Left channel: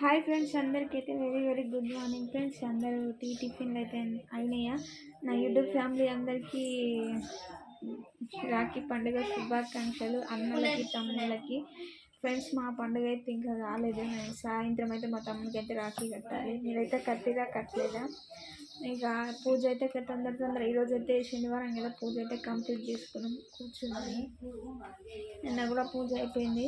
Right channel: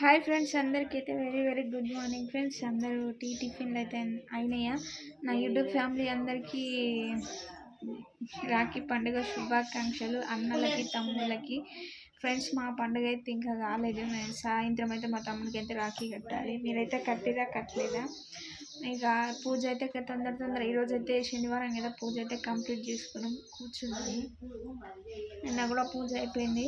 Hi friends అందరికీ అయితే very very good morning friends అందరూ టీ టిఫిన్లు అయితే అయినాయా? నా యూట్యూబ్ ఫ్యామిలీ అందరికీ రాఖీ పండుగ శుభాకాంక్షలు అన్నలకి తమ్ముళ్ళకి. ఫ్రెండ్స్ మా పండుగ అయితే ఇంకా కాలేదు. నేను సాయంత్రం అయితే మా తమ్ముడికి అయితే రాఖీ కట్టాలి. మీరైతే కట్టిరా కట్టలేదా? ఇక పూజ అయితే ఇక తొందర తొందర ఈరోజు అయితే శనివారం కదా పూజ అయితే కంప్లీట్ చేసుకున్నాం కూర్చున్నది నిన్న కూడా పూజ అయిపోయింది.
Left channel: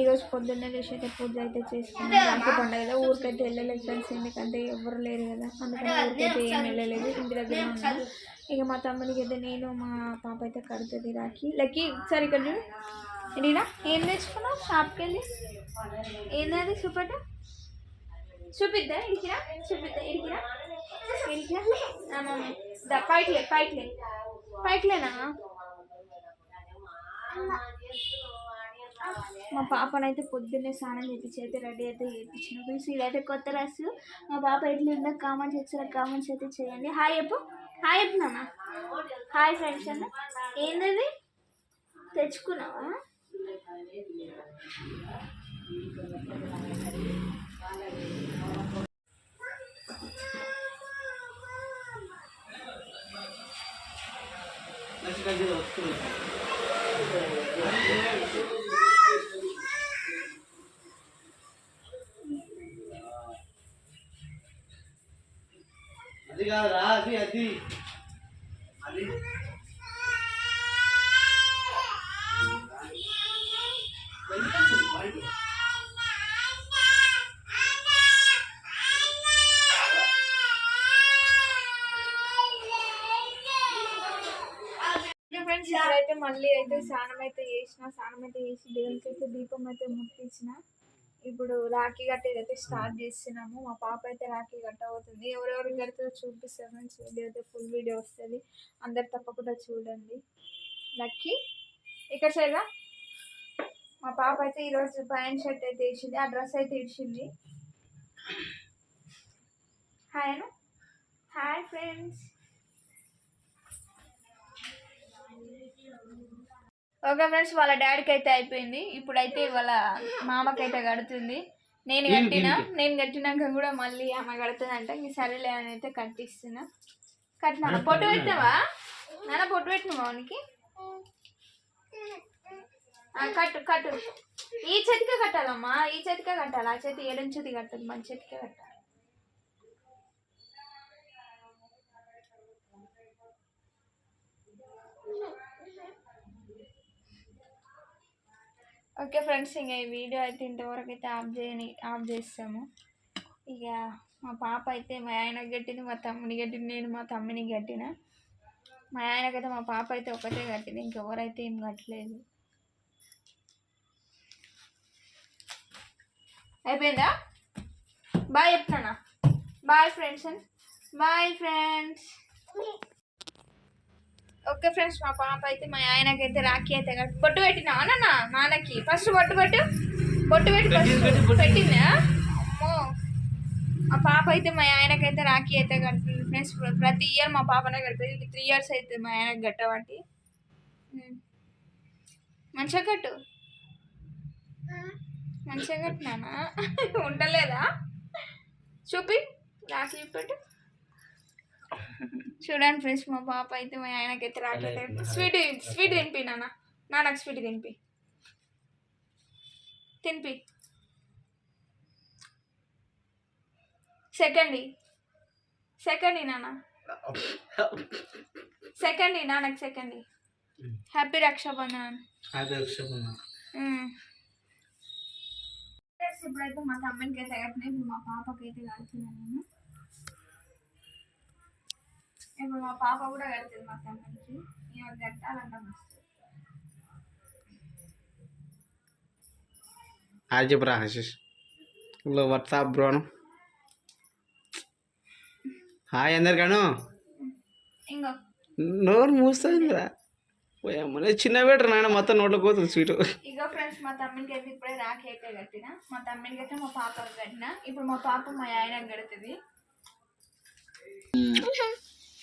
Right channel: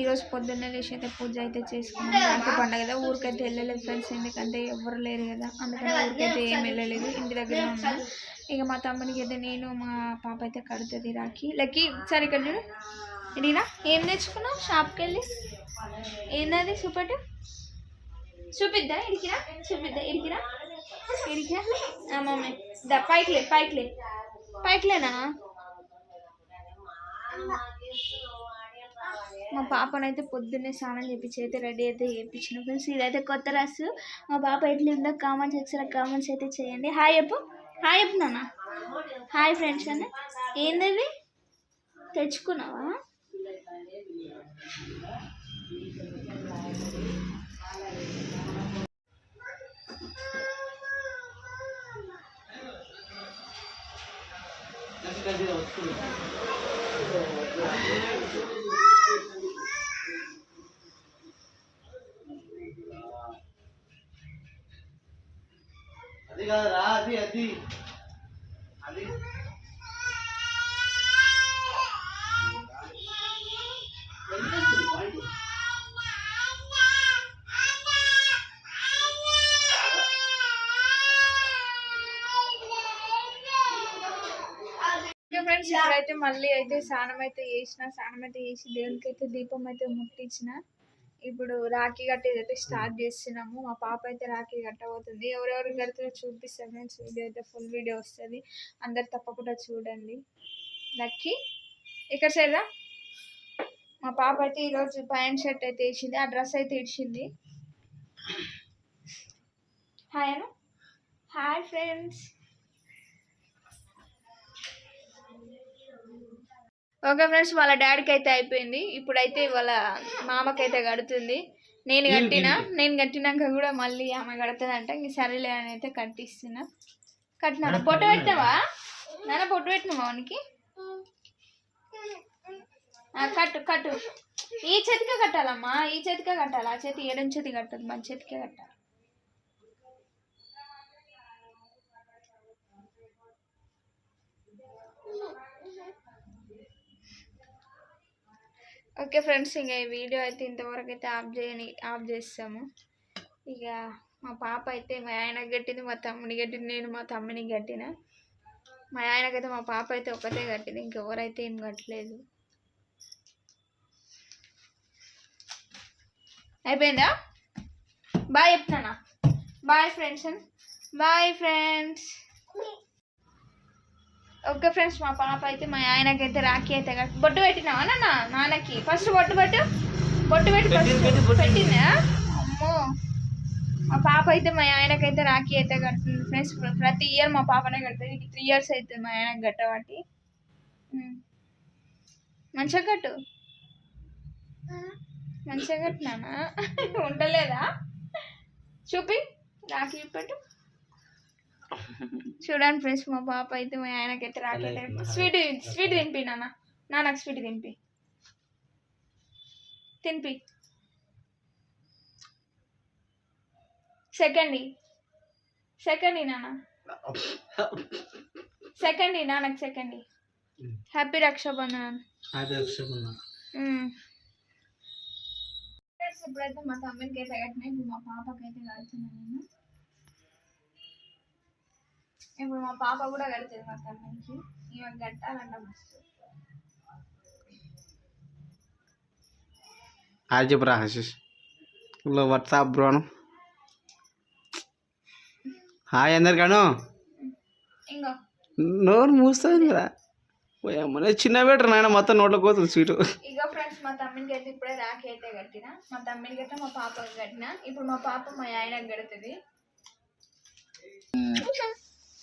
ఈరోజు పొద్దున్నే లేచి అయితే పూజ అయితే చేసుకున్నాం. రాఖీ పండుగ కదా ఊరికైతే వెళ్ళలేదు ఫ్రెండ్స్ ఎందుకంటే ఎవరు లేరు కదా. అందుకని ఊరికైతే ఏం వెళ్ళలేదు ఇంటి దగ్గర ఉన్నాం. ఇక మా తమ్మునికి అయితే నేను మా పాప అయితే కడుతుంది రాఖీ. లక్కీ సరే ఇక్కడ చూడు. ఏం తెచ్చుకున్నావు షాప్కి వెళ్ళి ఏందది చూపట చూపిద్దా ఇడికిరా? చూపిద్దా ఇడికిరా? మమ్మీ. దా పైకిలే పైకిలే పైకిలేనా మా పాపనైతే పొద్దున్నే స్నానం చేపించి అయితే రెడీ అయితే చేయించిన ఫ్రెండ్స్. ఇదైతే కొత్త డ్రెస్. మా పాప ఎట్లా ఉందో కామెంట్స్ సెక్షన్ కామెంట్స్ అయితే చేయండి. హాయ్ చెప్పు. హాయ్ చెప్పు నాన్న. హాయ్ ఫ్రెండ్స్ అన్న. ఏందది? తెచ్చుకున్నావా? అది కాదురా అది అది. అది ఫ్రెండ్స్ ఇప్పుడైతే మళ్ళీ అయితే స్నానం అయితే చేసిన స్నానం అయితే చేసి దేవునికి అయితే దీపం అయితే ముట్టించిన ఇప్పుడు రాఖీ కట్టేది అయితే స్టార్ట్ చేస్తున్నాము. మా పాప అయితే రాఖీ కట్టబోతుంది. ఎవరెవరు కడుతుందో చూపిస్తాం ఫ్రెండ్స్. వీడియో అయితే ఫుల్ వీడియో వస్తుంది. అందరు తప్పకుండా చూడండి. లక్కీ ఇక్కడ సైడా మా పాప అయితే ఈరోజు ప్యాంట్ షర్ట్ అయితే వేసింది. ఆ డ్రెస్ అయితే ఇచ్చింది hi Anu. Hi friends. Okay friends వాళ్ళ డాడీకి అయితే అయిపోయింది. ఇప్పుడైతే వాళ్ళ మామకైతే కడుతుంది. నేను కట్టినా నేను కట్టినాక కూడా మళ్ళీ ఆమె కడుతుందంట. ఇంక సరేలే అని అయితే కట్టిస్తున్నా. కట్టినా పొట్టు పెట్టినావా నాన్న పొట్టు పెట్టినావా వానికి కట్టు కట్టు. ఈ చేతికే కట్టాలమ్మా. ఈ చేతికే కట్టాలి. ఆ చేతి ఏడం చేతి కట్టదు. మన చేతికే కట్టాలి. ఓకే ఫ్రెండ్స్ ఇంకా ఈ వీడియో అయితే ఇంతవరకు అయితే ఆఫ్ చేయని ఆఫ్ చేస్తాము ఇక మా పాప అయితే మా ఆయనకి కట్టింది మా తమ్ముని కట్టింది నేను మా తమ్ముని కట్టిన. మా ఆయనకైతే మా పాప అయితే ఒకటే కట్టింది ఇంకెవరైతే ఏం కట్టలేదు. అయిపోయిందా? Bye చెప్తున్నానా bye friends bye friends. Okay friends మా పాప అయితే మా ఆయనకైతే రాఖీ అయితే కట్టి బొట్టు పెట్టినావా నాన్న? నాన్నకి. ఫస్ట్ బొట్టు పెట్టు. బొట్టు పెట్టి ఫస్ట్ పెట్టిందా? అమ్మో. మా పాప అయితే మా ఆయనకైతే రాఖీ అయితే కట్టింది ఫ్రెండ్స్. ప్రతి ఇయర్ మా పాపనే కడుతుంది త్రీ ఇయర్స్ అవుతుంది మా ఆయనకి కట్టబట్టి. మంచిగా కట్టు. మంచిగా కట్టినానా ఉండలేదా? చూపి. రాఖీ పెట్టు. చూడండి ఫ్రెండ్స్ మా పాప అయితే మా ఆయనకైతే రాకెట్ స్వీట్ స్వీట్ తినిపి నాన్న. నాన్నకు స్వీట్ తినిపి. తినిపి. సెకండ్ సెకండ్ నాన్న. సెకండ్ నాన్నకు సెకండ్ హ్యాపీ రక్షాబంధన్. మ్మ్. ఫ్రెండ్స్ ఇప్పుడైతే మా తమ్మునికి అయితే మా పాపకి అయితే కడుతున్నాను నేను. ఇప్పుడు మా పాప కూడా కడుతుంది మా తమ్మునికి ఈమె కట్టాలంట మస్తు హాయ్ చెప్పురా హశీష్లో వాట్సాప్ బ్రోను హాయ్ అందరికాను ఇంకో. నోరు మూస్తుంది కదా. మన చిన్న బెటర్ నాయన మొత్తం నోట్లో పోతుంది స్వీట్. ఇగో ఫ్రెండ్స్ మా తమ్మునికి అయితే ఇప్పుడే రాఖీ అయితే కట్టిన. మా తమ్మునికి అయితే మా పాపకి కట్టిన. ఇప్పుడు మా పాప మా ఆయనకి కడుతుంది.